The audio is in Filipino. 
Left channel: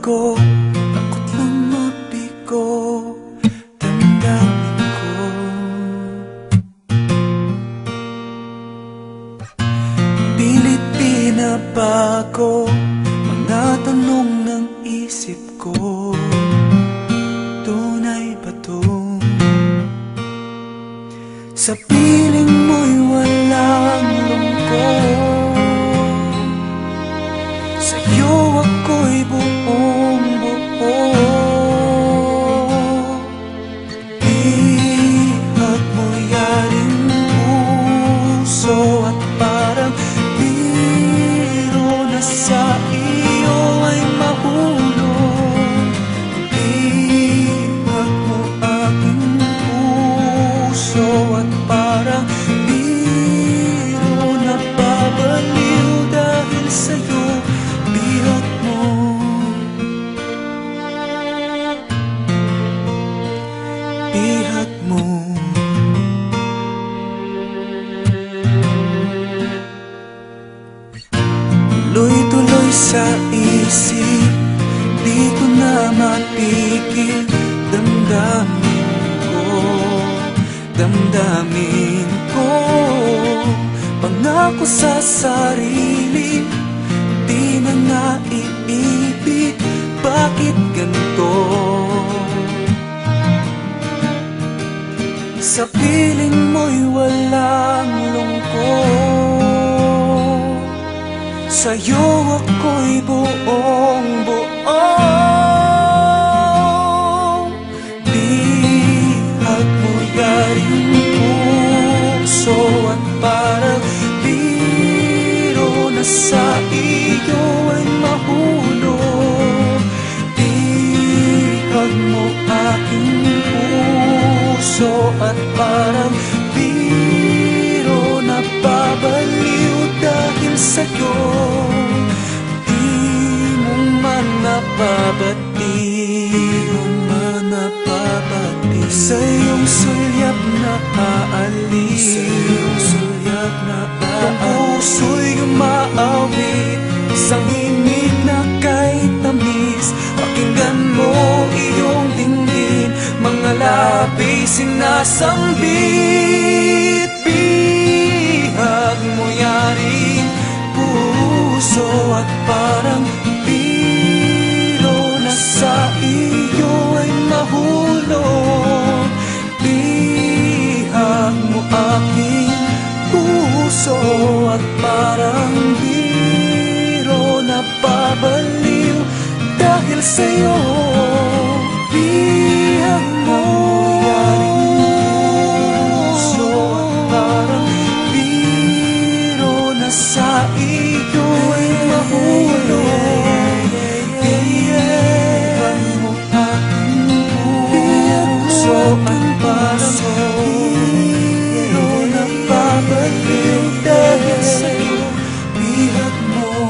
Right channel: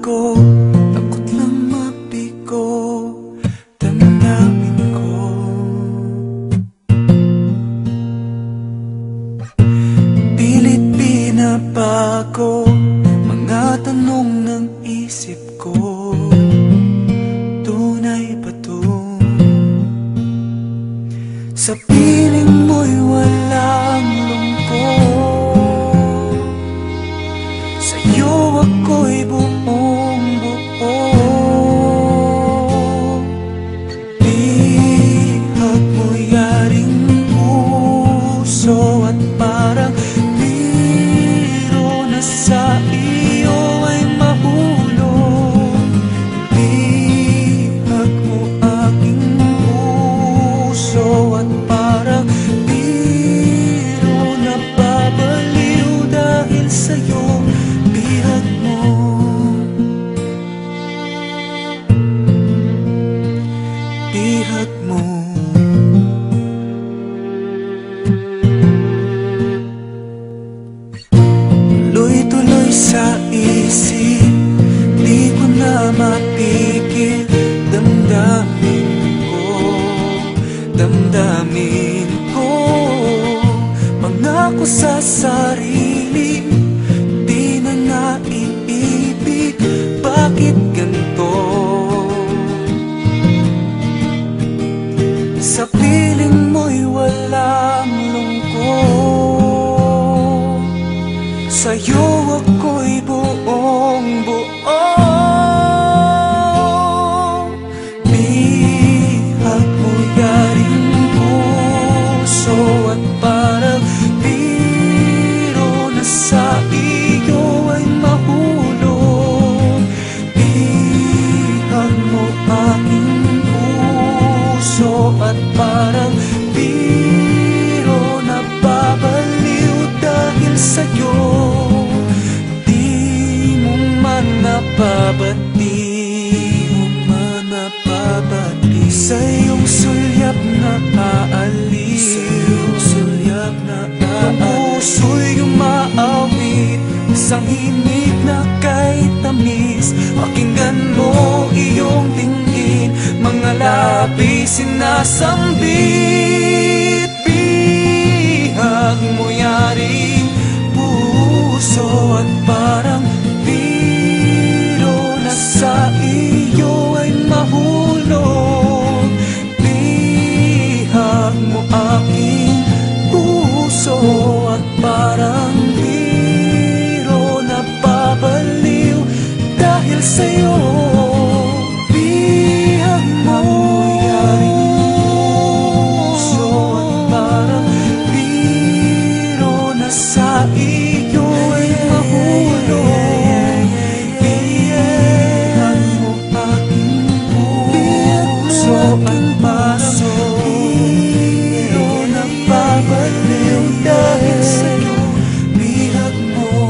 ko, takot lang mabigo damdamin ko. Pilit pinabago mga tanong ng isip ko. Tunay ba to? Sa piling mo'y walang lungkot, sa'yo ako'y buong buo. Bihag mo yaring puso at parang biro na sa iyo ay mahulog. Bihag mo aking puso at parang biro na babaliw dahil sa'yo. Bihag mo, bihag mo. Tuloy-tuloy sa isip, di ko na matigil. Damdamin ko, damdamin ko. Pangako sa sarili, di na naiibig. Bakit ganito? Sa piling mo'y walang lungkot, sa'yo ako'y buong buo. Bihag mo yaring puso at parang biro na sa iyo ay mahulog. Bihag mo aking puso at parang biro na babaliw dahil sa'yo. Di mo man napabati, di mo man napabati. Sa iyong sulyap na aalis, sa iyong sulyap na aalis. Ang puso'y umaawit, isang himig na kahit tamis. Pakinggan mo iyong dinggin, mga labi sinasambit. Bihag mo yaring puso at parang biro na sa iyo ay mahulog. Bihag mo aking puso at parang biro na babaliw dahil sa'yo. Bihag mo yaring puso at parang biro na sa iyo ay mahulog. Bihag mo aking puso at parang biro na babaliw dahil sa'yo. Bihag mo.